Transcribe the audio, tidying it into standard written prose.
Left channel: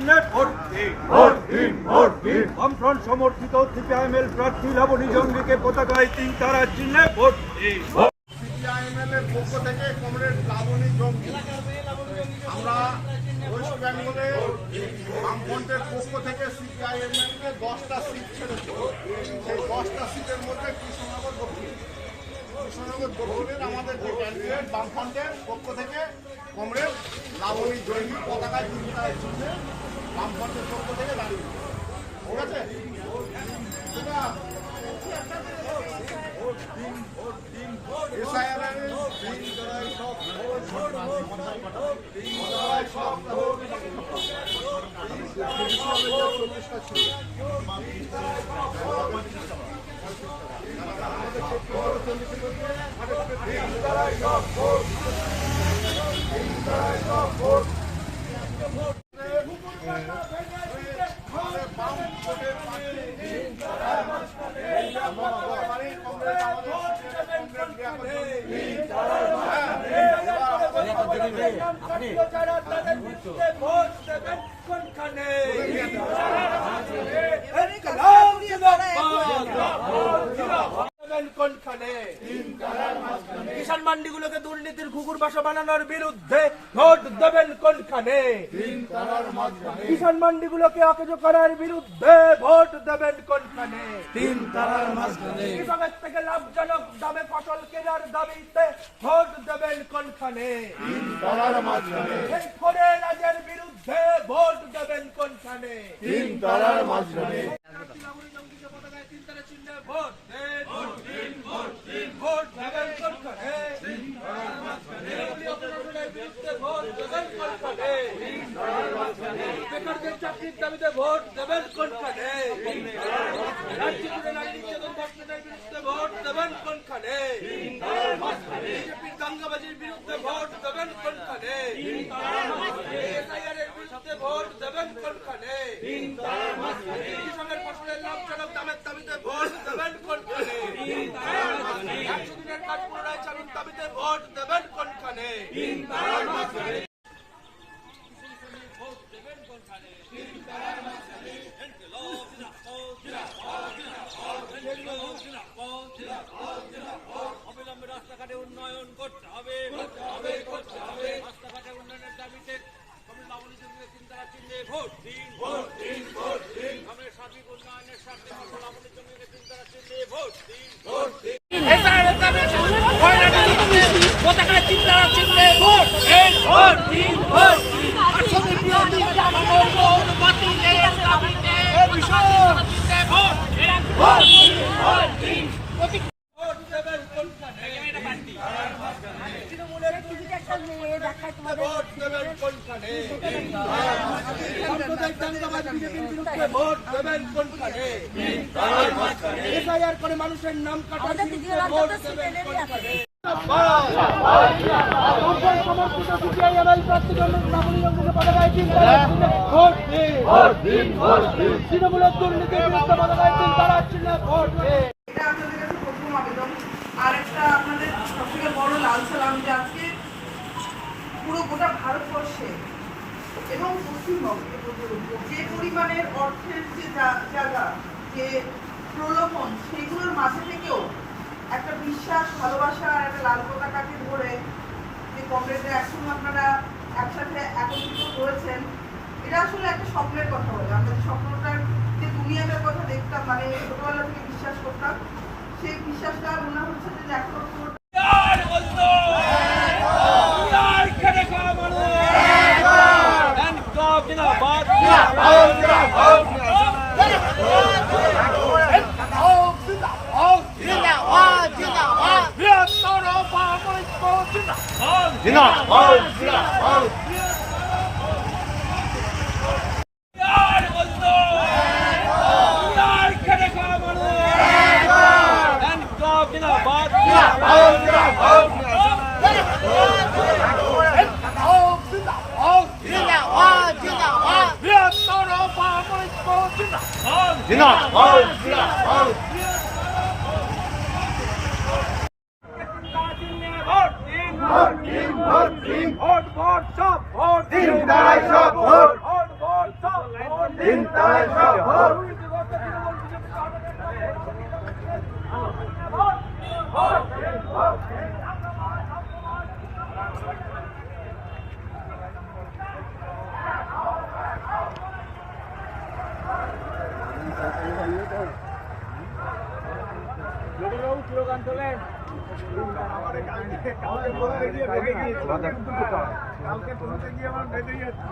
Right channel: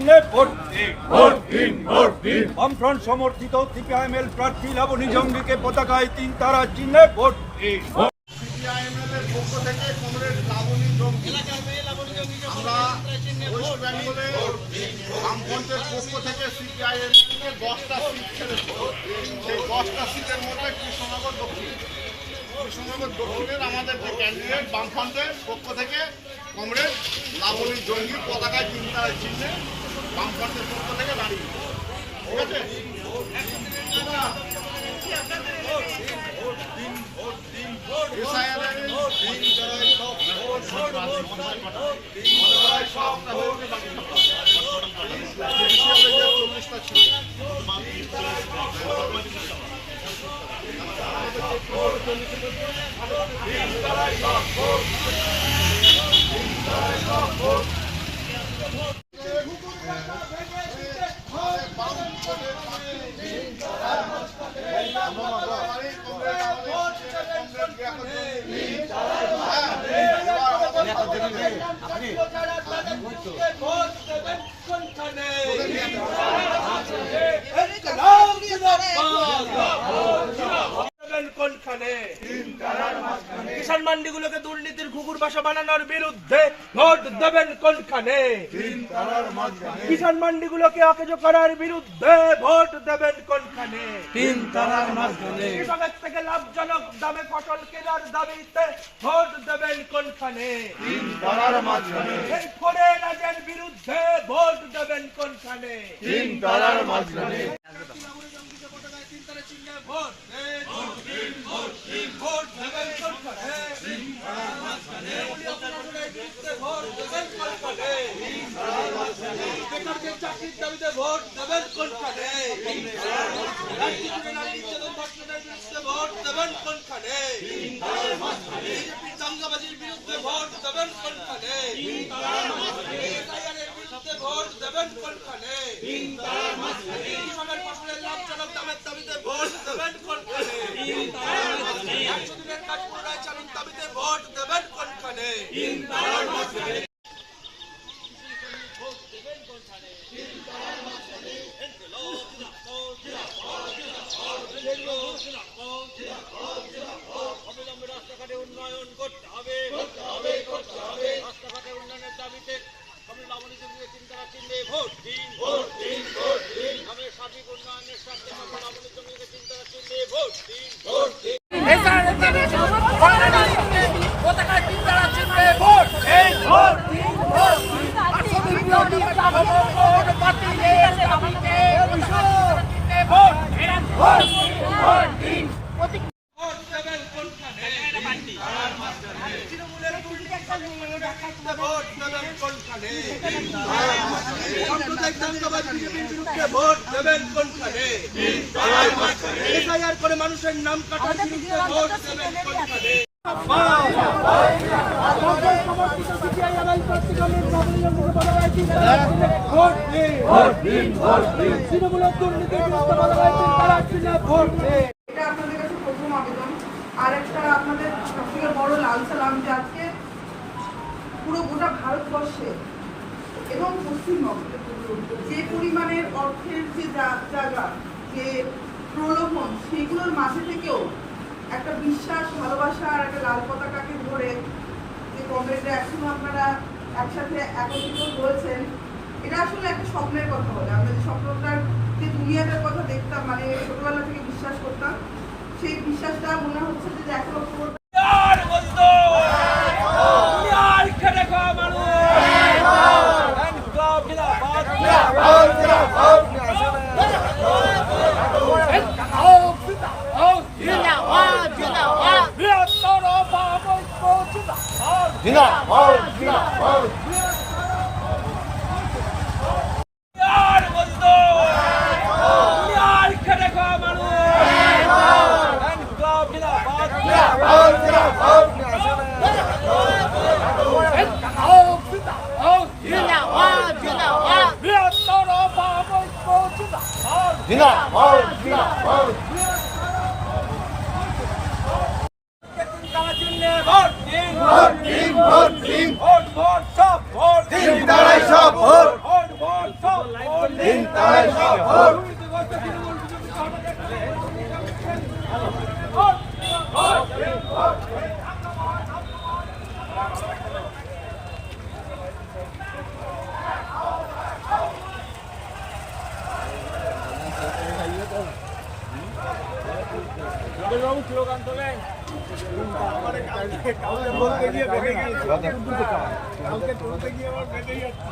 চিহ্নে ভোট দিন। বামফ্রন্ট সমর্থিত সিপিআইএমএল প্রার্থী লাবণী জঙ্গিকে পতাকায় 3 তারা চিহ্নে ভোট দিন। সিপিআইএমএল এর পক্ষ থেকে কমরেড লাবণী জঙ্গি, আমরা ওয়েস্ট বেঙ্গলে বামফ্রন্টের পক্ষ থেকে সিপিআইএমএল কে 10টা সিট ছেড়েছে। সেই 10টা সিটের মধ্যে কৃষ্ণনগর দক্ষিণের আমাদের যে ক্যান্ডিডেট বামফ্রন্টের পক্ষ থেকে কমরেড লাবণী জঙ্গি পতাকায় 3 তারা চিহ্নে বামফ্রন্টের পক্ষ থেকে দাঁড়িয়ে, ঠিক আছে? কিষাণ মান্ডিগুলোকে দুর্নীতির ঘুঘুর বাসা বানানোর বিরুদ্ধে ভোট দেবেন কোনখানে? কিষাণ মান্ডিগুলোকে অকেজো করার বিরুদ্ধে ভোট দেবেন কোনখানে? কৃষকের থেকে লাভজনক দামে ফসল কেনার দাবিতে ভোট দেবেন কোনখানে? এই ফোরে রাজের বিরুদ্ধে ভোট দেবেন কোনখানে? ভোট ভোট দেবেন কোনখানে? বেকারদের চাকরির দাবিতে ভোট দেবেন কোনখানে? ভোট দেবেন কোনখানে? বিজেপির দাঙ্গাবাজির বিরুদ্ধে ভোট দেবেন কোনখানে? বিরুদ্ধে ভোট দেবেন কোনখানে? কৃষকের ফসলের লাভজনক দামের দাবিতে ভোট দেবেন কোনখানে? 100 দিনের কাজ পুনরায় চালুর দাবিতে ভোট দেবেন কোনখানে? অবিলম্বে রাস্তাঘাটে উন্নয়ন করতে হবে। রাস্তাঘাটের উন্নয়নের দাবিতে লাবণী জঙ্গিকে 3 তারা চিহ্নে ভোট দিন। গ্রামের সার্বিক উন্নয়নের স্বার্থে লাবণী জঙ্গিকে 3 তারা চিহ্নে ভোট দিন। পতাকায় 3 তারা চিহ্নে ভোট দিন। সাম্প্রদায়িক দাঙ্গাবাজ বিজেপির বিরুদ্ধে ভোট দেবেন কোনখানে? এসআইআর করে মানুষের নাম কাটার বিরুদ্ধে ভোট দেবেন কোনখানে? তৃণমূলের দুর্নীতির এটা আপনাদের কাছে প্রথম আবেদন। আর একটা আপনাদের সবথেকে বড় লাল সালাম, যে আজকে পুরো গোটা ভারতবর্ষে এবং পশ্চিমবঙ্গে যে পরিমাণের অর্থের যে জায়গা, যে প্রলোভন, সেগুলোর মাঝে থেকেও একটা বিশ্বাস, ভালোবাসা আর একটা লাল পতাকাকে ধরে যে কংগ্রেসে এখন আপনারা একসাথে একত্রিত হয়েছেন, এটা আসলে একটা স্বপ্নের কথা বলে। আমরা যে স্বপ্নটার যে দুনিয়াটার কথা দেখতাম, মানে ছোটবেলা থেকে বিশ্বাস করতাম, সেই বিশ্বাসটা মনে হচ্ছে যে এখনো পুরোটা ভোট ভোট সব ভোট দিন, তারাই সব ভোট ভোট ভোট সব কালকে বলতে গিয়ে বেঁধে গিয়েছে, কালকে তুলতে গিয়ে আমার বেঁধে গেছে।